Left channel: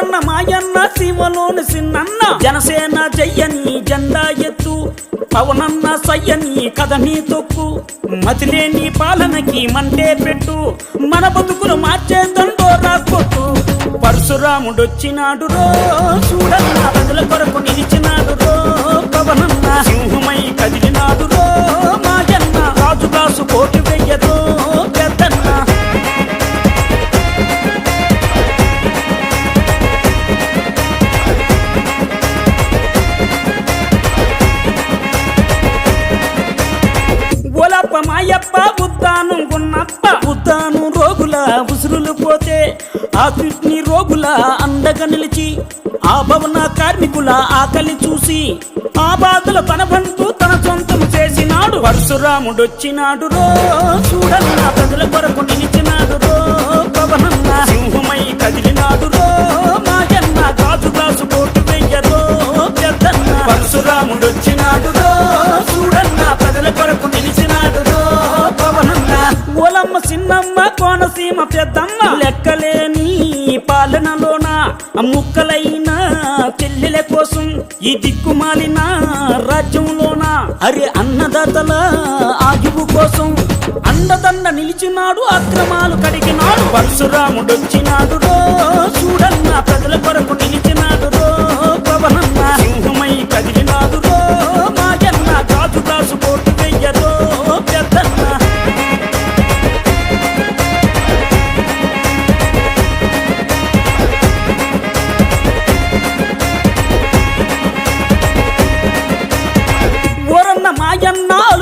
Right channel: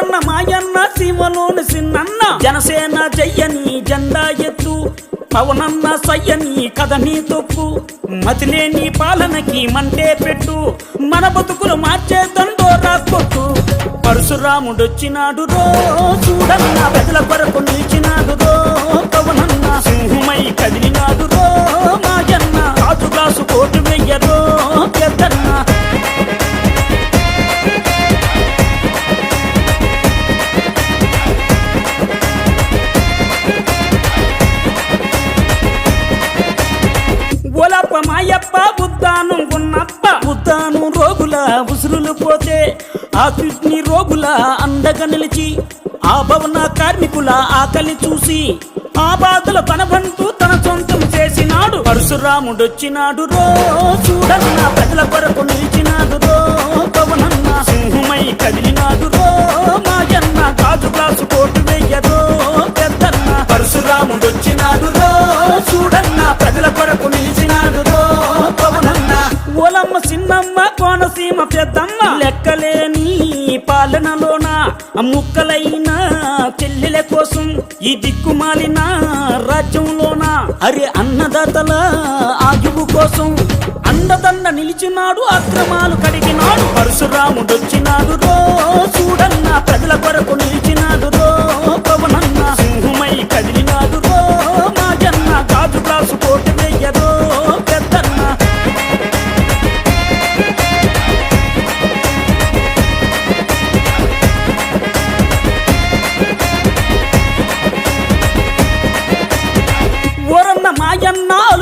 ఓరన్న మాయన్న సీమలోని సిన్నన్న. జనసేన జయ్యని జెండా ఎత్తు. పవనన్న సయ్యని కథని తొక్కు. మతిలేని పాలనకి మంటే పెట్టు. మన బతుకులు మార్చే దండోరా కొట్టు. పరశురాముడొచ్చినాడు రో. చూడన్న ప్రజల కొరకు మాయప్ప ఉద్దాను గున్నప్ప ఉద్దాను రోగుల ఉసురులు పోతే ఆ కిడ్నీ రోగుల అండగా నిలిచి ఆ భవన కార్మికుల ఆకలి చూసి ఆ బాధల తన బంధు తన సొంతం చేసినాడు. పరశురాముడొచ్చినాడు రో చూడన్న ప్రజల ఓలమ్మ కోనసీమ పెద్దమ్మ. లెక్కలేని పాలనలోన ముక్కలైన చెల్లెల కోసం ఈ దిక్కుమాలిన రాజ్యంలోన అరే అన్నదాతల ఆయువు కోసం అండదండ నిలిచినాడు అక్రమాలు కడిగినాడు. పరశురాముడు వచ్చినాడు చూడన్న ప్రజల కొరకు